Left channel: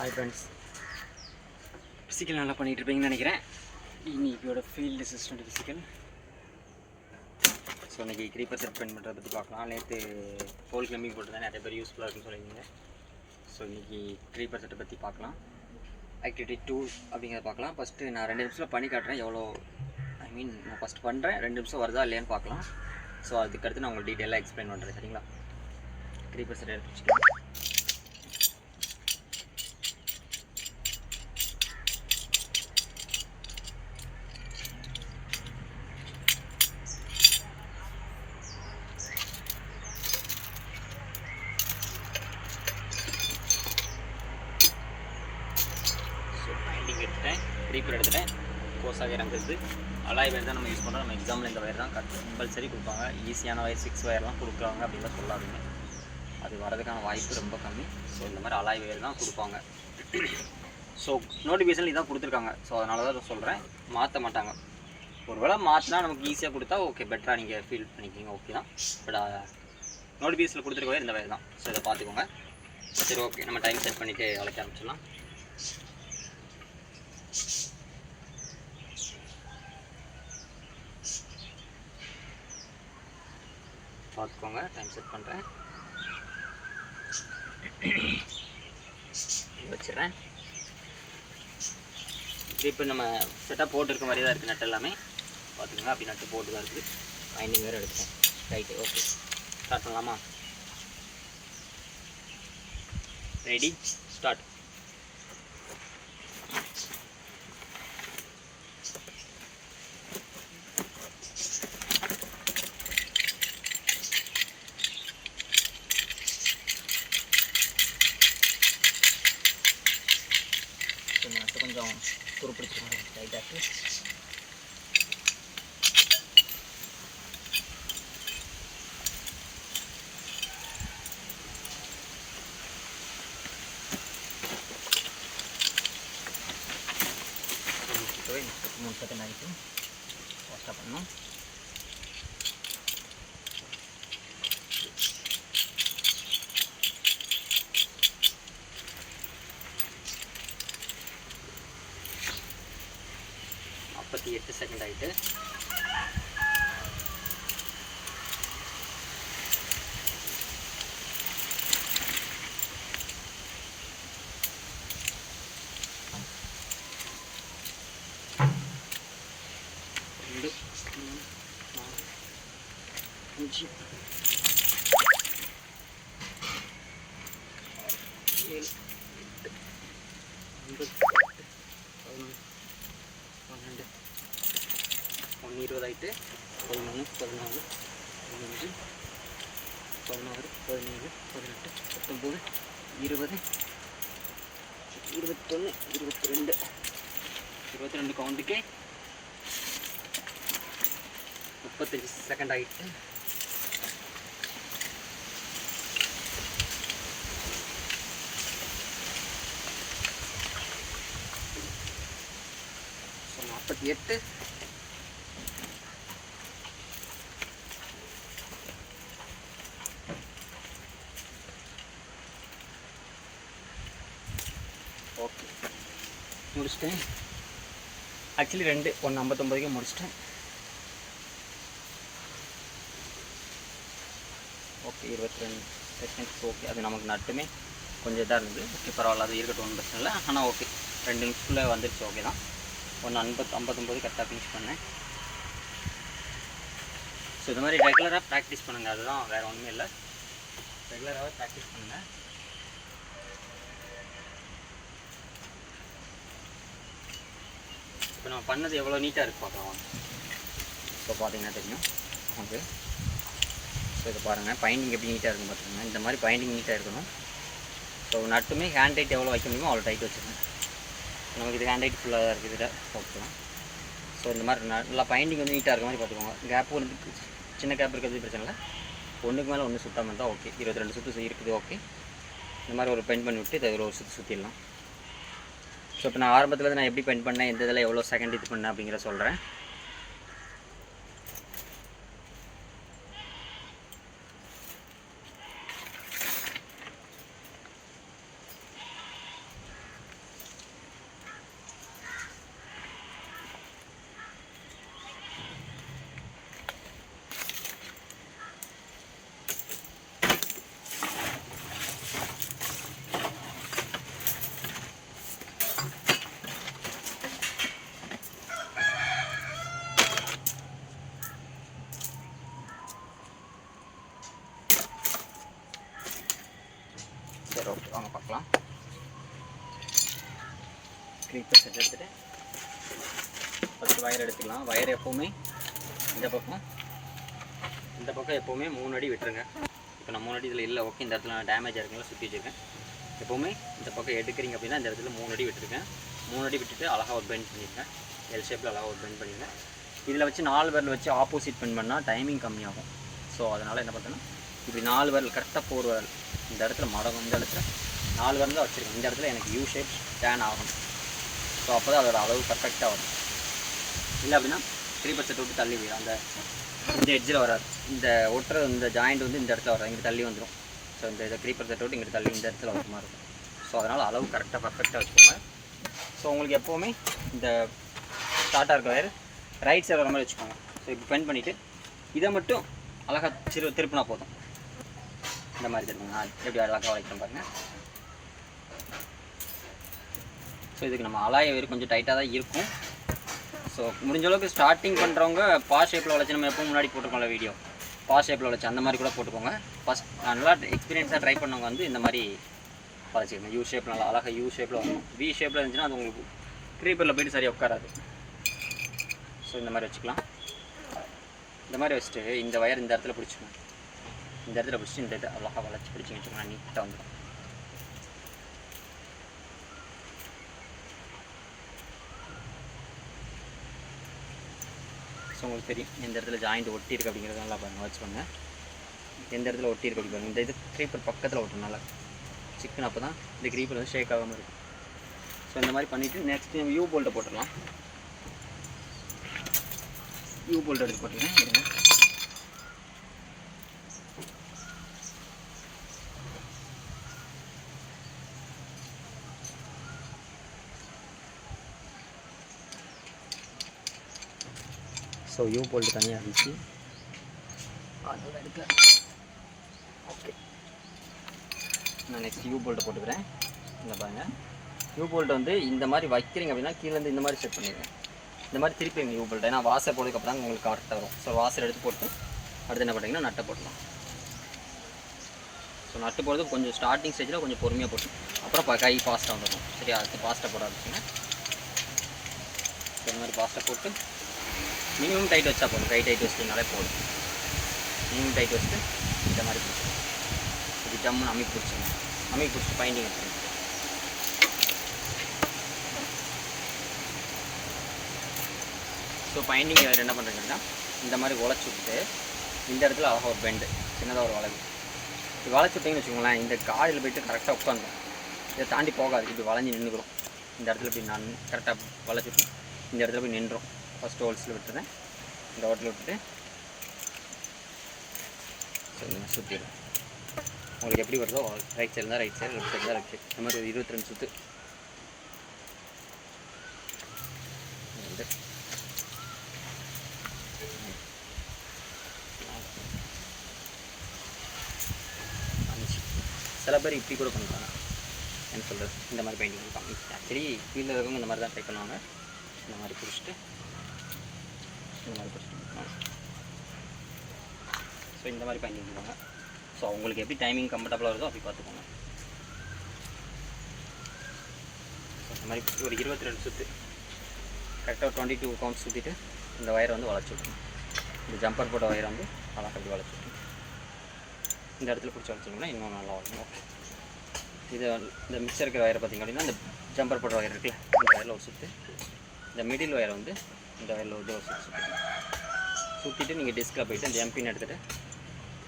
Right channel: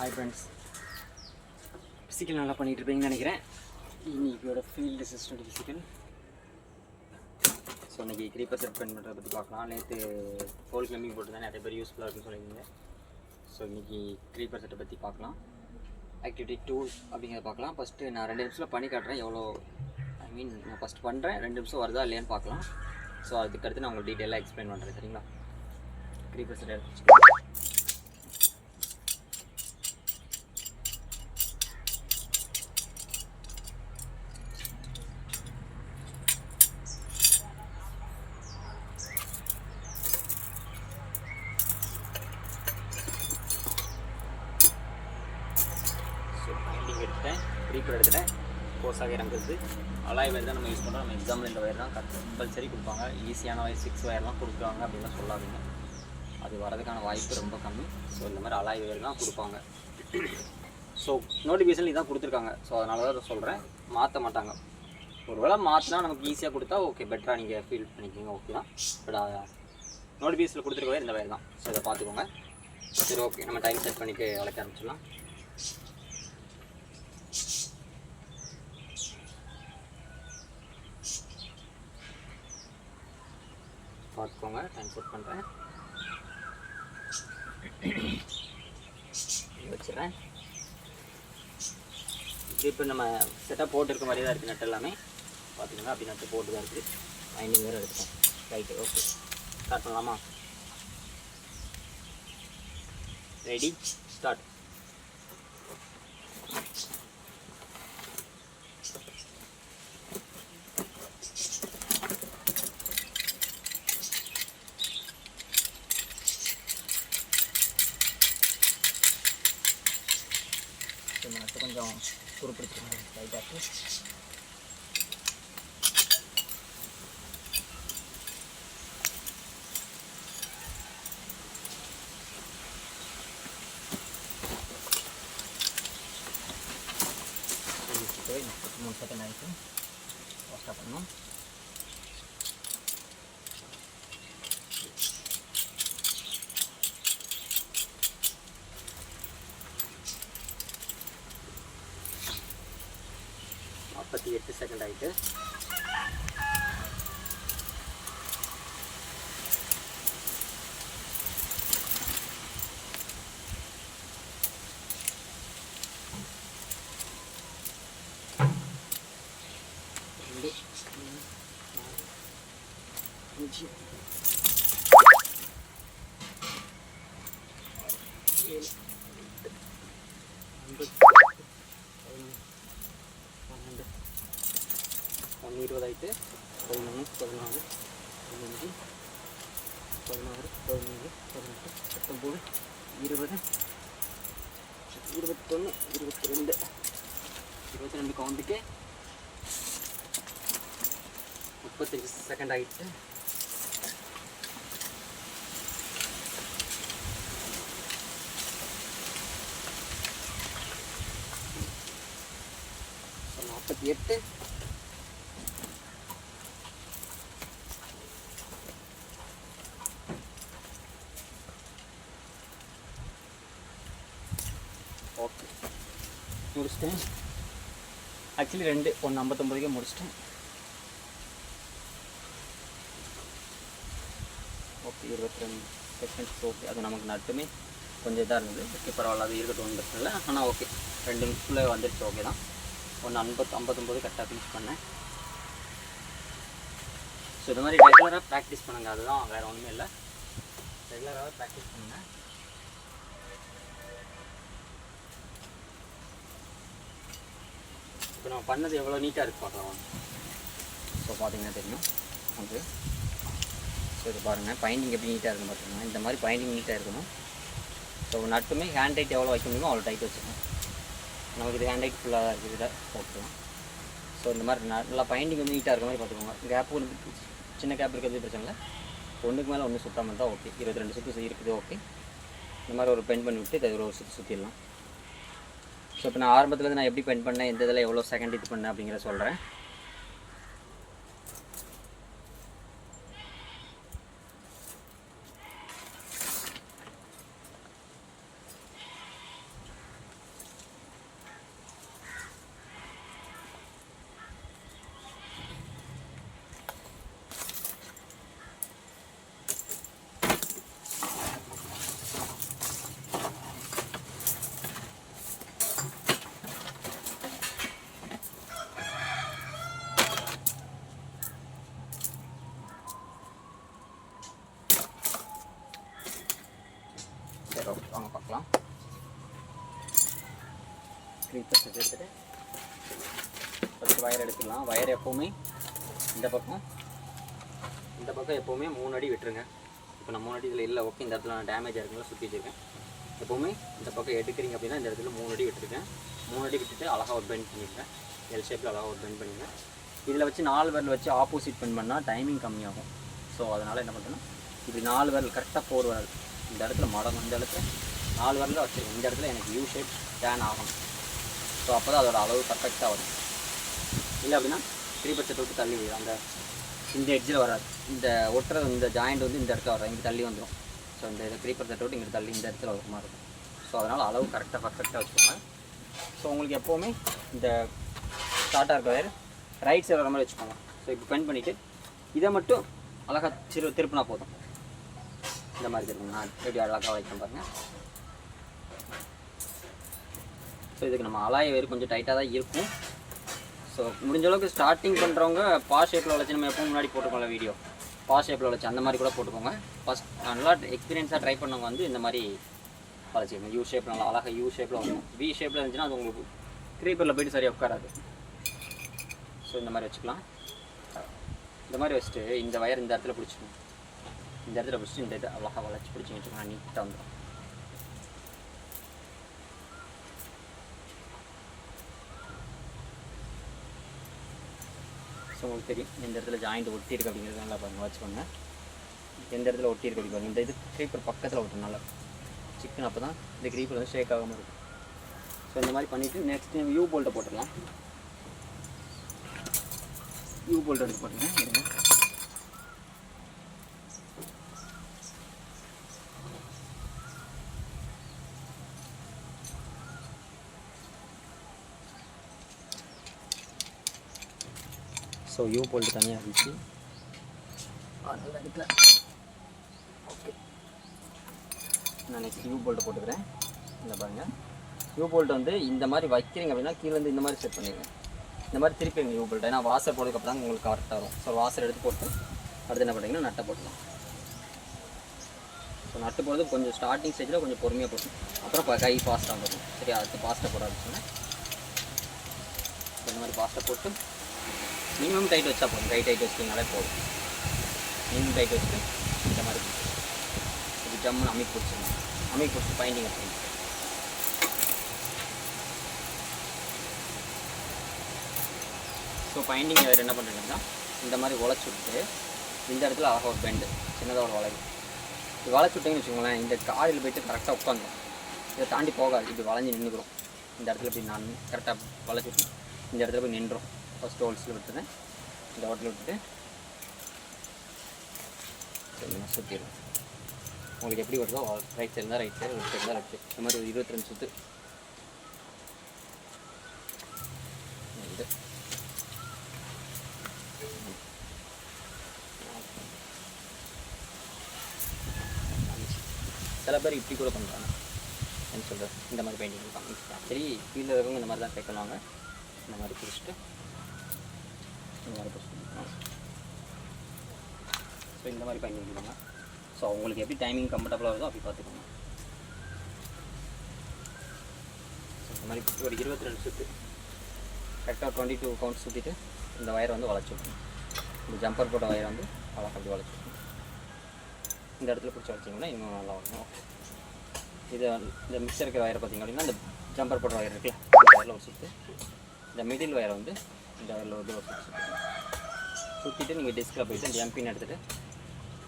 Hi friends, physical நல்லா பண்ணிகிட்டு இருப்பீங்கன்னு நினைக்கிறேன். இன்னைக்கியோட ஃபீல்டு அசிஸ்டன்ட் ஃபிசிக்கல். ஸோ இன்றைக்கி க்ரீப்பர் செட் பண்ணுறதை பற்றி பார்க்கலாம். நேற்று ஹோல் கிளம்பிங் போட்டுருந்தேன், நிறைய பேர் யூஸ்ஃபுல்லாக இருக்குன்னு சொல்லியிருந்தீங்க. ஸோ இன்றைக்கி க்ரீப்பர் செட்டை பற்றி பார்க்கலாம். ஆக்டிவிட்டி 2 அப்படிங்கிறத பார்க்கலாம். ஃபஸ்ட்டு நான் 2 நிமிஷத்தில் பண்ணி காட்டுறேன். நான் ஃபஸ்ட்டு பண்ணுறேன், 2 நிமிஷம் வருதா இல்லையான்னு பார்க்கலாம். ஸோ அதுக்கடுத்து நான் உங்களுக்கு டீட்டெயிலாக எக்ஸ்பிளைன் பண்ணுறேன். சரிங்களா? க்ரீப்பர் செட் எடுத்து வச்சுக்கலாம். எடுத்துட்டேன், க்ரீப்பர் எடுத்துட்டேன். போஸாக இறங்குறது அலாய் வயர் தான் நம்ம யூஸ் பண்ணுறோம். நம்ம எக்ஸாம்பிள் இந்த வயர் தான் கம்பல்சரி கொடுப்பாங்க. ஈஸியான வயர் 6 வயர்லாம் கொடுக்குறாங்க அப்படின்லாம் சொல்லாதுங்க. அது வரதுக்கான வாய்ப்பு ரொம்ப கம்மி. ஸோ இந்த மாதிரி அலாய் வயர் தான் கொடுப்பாங்க. ஸோ நோட்டிஃபிகேஷன் இதான் கொடுத்துருக்காங்க. ஸோ அதனால தான் சொல்கிறேன், மாற்ற மாட்டாங்க. ஒரு வேளை மாற்றினா நமக்கு ஈஸியாக கொடுத்தா ஓகே, பெட்டராக நீங்கள் ஃபீல் பண்ணிக்கிங்க, ஓகே தான். பட் நோட்டிஃபிகேஷனில் கொடுத்துருக்க வயர் இந்த வயர் தான். ஸோ இதை பார்த்துக்கோங்க. சரி, ஓகே, நம்ம டைம் செட் பண்ணிவிட்டு வளைக்க ஆரம்பிச்சிடலாம். பார்த்துக்கோங்க, டைம் செட் பண்ணுறேன், வச்சிடுறேன். இப்போ நம்ம செட்டாக போட்டுருக்க மாதிரி தான் இருக்குது. நட்டு எல்லாமே பார்த்துக்கோங்க, அப்படி நட்டு போட்டு தான் இருக்குது. பைண்டிங் வேறு எடுத்துட்டேன். ரைட்டு, ஓகே, ஸ்டார்ட் பண்ணலாமா? Ready, start. கொஞ்சம் துருப்பிடிச்சிருக்கோம் லைட்டாக. இப்போவே 33 செகண்ட் ஆகிட்டு ஃபாஸ்ட்டாக பண்ணணும். பத்தி 8 செகண்ட் ஆகிட்டு ஒன்று 20 ஆகிட்டு 11 14 15 16 17 18 19 20 21 22 22 கவுண்டுக்கே 35 செகண்ட் ஆகிட்டு ஸோ 48 ஓகே, முடிச்சிட்டேன். ஆக்சுவலி 2 1 59க்கே முடிச்சிட்டேன். Okay, 22 seconds. ஓகே, அது நமக்கு நட்டுமே கொஞ்சம் இதாக இருந்தது. ஓகே, பரவாயில்ல, அது இருக்கட்டும், ஒன்றும் பிரச்சனை இல்லை. ஆனால் ஓகே, 2 நிமிஷத்தில் வந்துடுச்சு. ஓகே தான். 1 59 கரெக்டாக ஃபினிஷ் பண்ணேன். ஸோ இது மாதிரி ரெகுலராக ப்ராக்டிஸ் பண்ணுங்கள். அதுதான், வேறு ஒன்றுமே இல்லை. ரெகுலராகவே ப்ராக்டிஸ் பண்ணுங்கள். இப்போ நம்ம பண்ணது எவ்வளோ நீட்டாக இருக்குது பார்க்கலாம். இப்போ பார்த்தீங்கன்னா தெரியும் ஓகே. ஸோ இது பாருங்கள், பைண்டிங் எப்படி நீட்டாக இருக்கும் பார்த்தீங்கன்னா. இந்த மாதிரி பைண்டிங் நீட்டாக இருக்கணும். ஸோ நட்டுமே ஹேண்ட் டைட் எவ்வளோ வைக்க முடியுமோ அவ்வளோ டைட் வச்சுக்கணும். நமக்கு இது ஹேண்ட் டைட் ஃபுல்லாக இருக்குது விட பார்த்துக்கலாம். ஸோ இந்த மாதிரி நல்லா பைண்டிங் வந்து நீட்டாக இருக்க மாதிரி பார்த்துக்கோங்க. கேப் ஒரு சின்ன கேப் இருக்கிறது பிரச்சனை இல்லை. ஒன்றுக்கு மேலே ஒன்று சுத்தமாக இருந்தால் ஓகே. 22 சுற்று இருக்குது. ஓகே, இந்த மாதிரி ஒரு பெயிண்ட் பண்ணி விட்டு இதை ஒரு சுற்றி சுற்றிடலாம். ஸோ இப்போ நான் ஆரம்பத்தில் நான் எப்படி பெயிண்ட் பண்ணேன், எந்த இதில் எவ்வளோ செகண்ட் இது பண்ணேன் அப்படிங்கிற சொல்கிறேன். சரி ஓகே வாங்க பார்க்கலாம். க்ரீப்பர் செட் எடுத்துகிட்டு ஃபஸ்ட்டு வயர் எடுத்துக்கலாம். வயர் எப்போவுமே இந்த பக்கம் எப்போவுமே 3 அடி விட்டுருங்க. இப்போ நான் 3 அடி இதில் இல்லை, ஓகே இந்த இடத்துல நான் டேமேஜ் இருக்குங்களா சுற்றி வச்சுருக்கேன். எப்போவுமே இந்த பக்கம் எடுக்கிறீங்க அப்படின்னா இந்த இடத்துல 3 அடி விட்டுருக்கேன். 3 அடி விட்டுட்டு அழகாக ஒரு பெண்ட் பண்ணியிருக்கேன். எல் ஷேப்பில் அழகாக ஒரு பெண்ட் பண்ணியிருக்கேன். இதில் வச்சு 4 விரல் வச்சு ஆப்போசிட் பெண்ட் பண்ணால் டைமிங் கம்மியாகும். ஸோ அதனால் என்ன பண்ணுறேன்னா இப்படி 4 விரல் கரெக்டாக 4 விரல் இந்த இடத்துல மடங்கும். இந்த இடத்துல 4 விரல் தான் வச்சுருக்கேன். இந்த இடத்துல எனக்கு யூ ஷேப் டேன் ஆகணும். ஸோ அப்போ தான் அதோட அளவு பர்ஃபெக்டாக வரும். இல்லை அப்படின்னா க்ரீப்பர் செட் விட்டு தள்ளி அந்த இந்த எட்ஜில் வராது. இந்த ஒட்டுற இந்த ஜாயிண்ட் வந்து இந்த இடத்துல வராது, இங்கே தள்ளி வந்துடும். ஸோ இந்த க்ரீப்பர் செட் விட்டு இங்கே தள்ளி இந்த இடத்துல வர மாதிரி இருக்கும். ஸோ அதனால் அளவு கரெக்டாக பர்ஃபெக்டாக வச்சுக்கோங்க. ஸோ உங்களுக்கு எப்போவுமே இந்த ஸ்டார்ட்டாக இருக்க வயர் ரைட் சைடு வர மாதிரி வச்சுக்கோங்க. ஸோ இப்போ பெண்ட் பண்ணிவிட்டு இதை மட்டும் அழகாக திருப்பினா போதும். இந்த மாதிரி திருப்பணும். நான் எப்படி அழகாக வளைக்கிறேன் பாருங்கள். ஸோ இதுக்கு நம்ம அலாய வயர் கொஞ்சம் டைட்டாக தான் இருக்கும். ஸோ முடிஞ்ச அளவுக்கு ஸ்டார்டிங் பண்ணுறவங்க பா ஷேப்பில் வளைச்சி நம்ம எப்போ முன்னாடி போட்டுக்கோங்கள வீடியோ பா ஷேப்பில் வளைச்சி அந்த மாதிரி கூட போட்டுக்கோங்க. ஃபஸ்ட் நல்லா எக்ஸ்பீரியன்ஸாக ட்ரை பண்ணவங்க வந்து இந்த மாதிரி வளைச்சிக்கணும். யூ ஷேப்பில் நல்லா அழகாக யூ ஷேப்பில் வரணும். வி ஷேப்பில் இருந்துச்சுன்னா அது உங்களுக்கு க்ரீப்பரில் போய்ட்டு சரியாக உட்காராது. ஸோ இந்த மாதிரி வச்சுக்கலாம். இந்த மாதிரி வச்சுட்டு இந்த வயர் இந்த இடத்துல பிடிச்சிக்கணும். இந்த இடத்துல பிடிச்சி இந்த இதை அழகாக வளைச்சி பிடிச்சி வச்சுக்கோங்க. நீட்டாக வந்துடும். ஸோ உங்களுக்கு தெரியும் எந்த இடத்துல ஜாயிண்ட் ஒட்டி இருக்குது அப்படிங்கிறது நல்லா பாருங்கள் வச்சுக்கோங்க. எந்த இடத்துல ஒட்டி இருக்கு அப்படி இந்த இது க்ரீப்பர் பக்கத்தில் ஒட்டணும் நல்லா சிக்கன். அப்போ தான் இந்த க்ரீப்பர் வந்து ஷேக் ஆகாமல் இருக்கும். ஸோ இந்த மாதிரி பண்ணிவிட்டு நெக்ஸ்ட் டைம் யூ போல்ட்டை போட்டுடலாம். யூ போல்ட் எடுத்து போட்டுருங்க. இருங்க. ஸோ யூ போல்ட்டு தனியாக இருந்துச்சு அதெல்லாம் எடுக்கல. ஓகே நான் நெக்ஸ்ட் யூ போல்ட்டை போட்டுக்கிறேன். இல்லை பாருங்கள் யூ போல்ட் வந்து இந்த மாதிரி வைக்கிறீங்க அப்படின்னா கீழேருந்து இந்த மாதிரி செட் பண்ணிடுவேன். இந்த மாதிரி திருப்பி யூ போல்ட் ஏன்னா வாசர் போனதுக்கப்புறம் தான் உங்களுக்கு கரெக்டாக வரும். ஸோ வாசர் எடுத்து போட்டு அடுத்து என்ன பண்ணுறீங்கன்னா நட்டை போட்டுக்கலாம். ஸோ நட்டு போடுறது கொஞ்சம் ஸ்டார்டிங் ஸ்டேஜில் கொஞ்சம் பொறுமையாக போட்டு அப்புறம் கை ஃபாஸ்ட்டாக வந்துடும். சரி அடுத்து ஃபாஸ்ட்டாக போடாதுச்சுன்னா இந்த மாதிரி ஃபாஸ்ட்டாக போட்டு மினிமம் டைட் வச்சா போதும். கை டைட் வச்சிட்டிங்கனாலே போதும். மினிமம் டைட் வச்சுட்டு இந்த மாதிரி பிடிச்சிடும். இது ஜம்முன்னு அமைக்க பிடிச்சிடணும். அமைக்க பிடிச்சி பைண்டிங் வச்சுருங்க. ஸோ பைண்டிங் வேறு என்ன பண்ணுறீங்கன்னா இந்த மாதிரி உழைச்சி விட்டு இந்த இடத்துல அழகாக ஒரு பெண்டு சின்னதாக ஒரு வளைவு இது வளைச்சி விட்டிங்கன்னு வச்சுக்கோங்களேன். இந்த காடியில் போய்ட்டு கரெக்டாக உட்காந்துடும். இதை தாண்டி போகாது. இது வளைஞ்சி நின்றுக்கிறோம். இந்த இடத்துல போய் நான் கரெக்டாக வளைச்சிட்டு இந்த இடத்துல போய் நின்றோம். ஃபஸ்ட்டு ஹோல்ஸில் விட்டுறேன். இந்த ஹோட்டலில் விட்டுட்டு சுற்றிடுறேன். உங்களுக்கு எப்படி வருதோ ரைட் சைடு இருந்தால் ரைட் சைடு, லெஃப்ட் சைடு இருந்தால் லெஃப்ட் சைடு. இந்த மாதிரி ஒரு 22 சுற்று சில பேர் இப்படி கூட பண்ணுறாங்க. என்ன சொல்கிறது இந்த மாதிரி பெயிண்டிங் இருப்பாங்க. சரி கீழே இருக்கவங்க இந்த மாதிரி தான் ட்ரை பண்ணுவாங்க. இந்த மாதிரி பிடிச்சிட்டு இந்த மாதிரி பிடிச்சிட்டு ஸோ இந்த மாதிரி பெயிண்டிங் பண்ணுவாங்க. ஸோ உங்களுக்கு எப்படி டைமிங் கம்ஃபர்டபுளாக வருதோ அப்படி பார்த்துக்கோங்க. இந்த மாதிரி ஒரு 22 சுற்று கரெக்டாக 22 கவுண்ட் சுற்றிட்டு இந்த வயரை வந்து வளைச்சி விடணும். இந்த ஜம்பர் போட்ட வயரை வந்து அழகாக அப்படி வளைச்சி விடணும். இந்த இடத்துல பிடிச்சி வச்சிங்கன்னா இன்னும் நல்லா வரும். ஓகே இது இந்த மிக்சர் இருக்கிற வயரை பார்த்திங்க அப்படின்னா இந்த ஜம்பர் போட்ட வயர் இருக்குல்ல இந்த வயரில் ஒரு சுற்று. இந்த மிடில் வயரை வந்து இந்த வயரில் வந்து ஒரு சுற்றிட்டு நீங்கள் டிஸ்கில் போய்ட்டு அந்த எம்பின் எடுத்துகிட்டு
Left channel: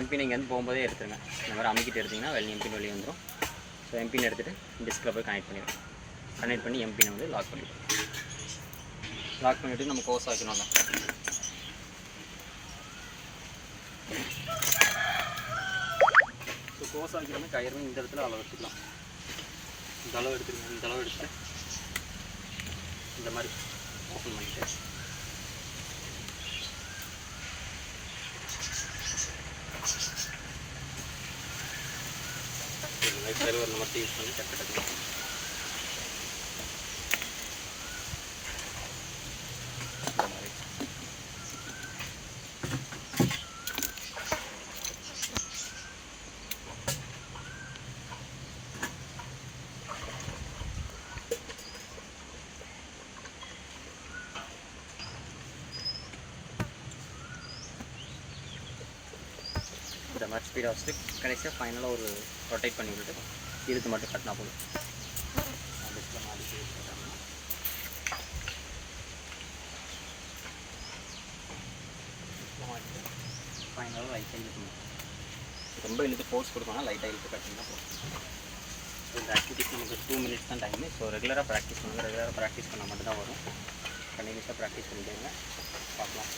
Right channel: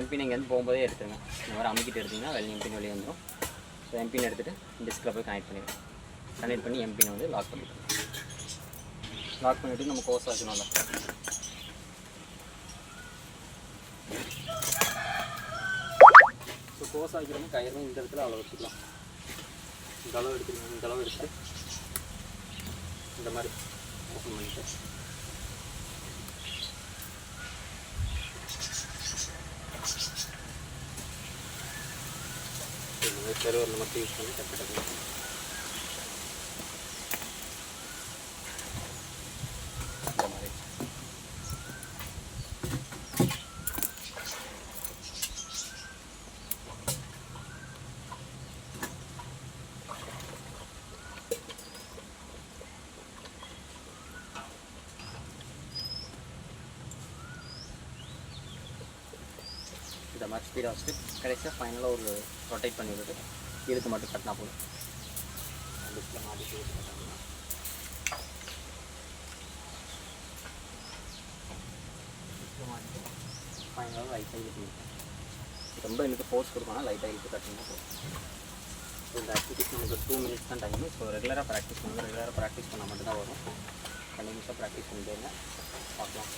எம்பின் இங்கே வந்து போகும்போதே எடுத்துருங்க. இந்த மாதிரி அமுக்கிட்டு எடுத்திங்கன்னா எம்பின் வெளியே வந்துடும். ஸோ எம்பின் எடுத்துகிட்டு டிஸ்கில் போய் கனெக்ட் பண்ணிடுவோம். கனெக்ட் பண்ணி எம்பினை வந்து லாக் பண்ணிவிடுவோம். லாக் பண்ணிவிட்டு நம்ம கோர்ஸ் வைக்கணும்ல. ஸோ கோர்ஸ் வைக்கிறோமே கயிறுமே இந்த இடத்துல அளவு எடுத்துக்கலாம். இந்த அளவு எடுத்துக்கணும். இந்த அளவு எடுத்துட்டு இந்த மாதிரி ஓப்பன் பண்ணிவிட்டு சர்வர் மட்டும் யூஸ் பண்ணி டக்கு டக்கு இந்த மாதிரி மாதிரி ஸ்பீடாக வச்சுட்டு கடைசியாக ஃபைனலாக ஒரு ரொட்டேட் பண்ணி விட்டுட்டு இழுத்து மட்டும் கட்டினா போதும். டிஸ்பிளே மாதிரி கட்டினா ஃபைனலாக லைட்டாக இழுக்கணும். ரொம்ப இழுத்து ஃபோர்ஸ் கொடுக்கணும், லைட்டாக இழுத்து கட்டிங்கன்னா போதும். ஸோ இந்த ஆக்டிவிட்டிஸ் நமக்கு 2 மினிட்ஸ் தான் டைமு. ஸோ ரெகுலராக ப்ராக்டிஸ் பண்ணுங்கள். ரெகுலராக ப்ராக்டிஸ் பண்ணால் மட்டும்தான் வரும். கண்டினியூஸாக ப்ராக்டிஸ் பண்ணிட்டே இருங்க. பார்க்கலாம்.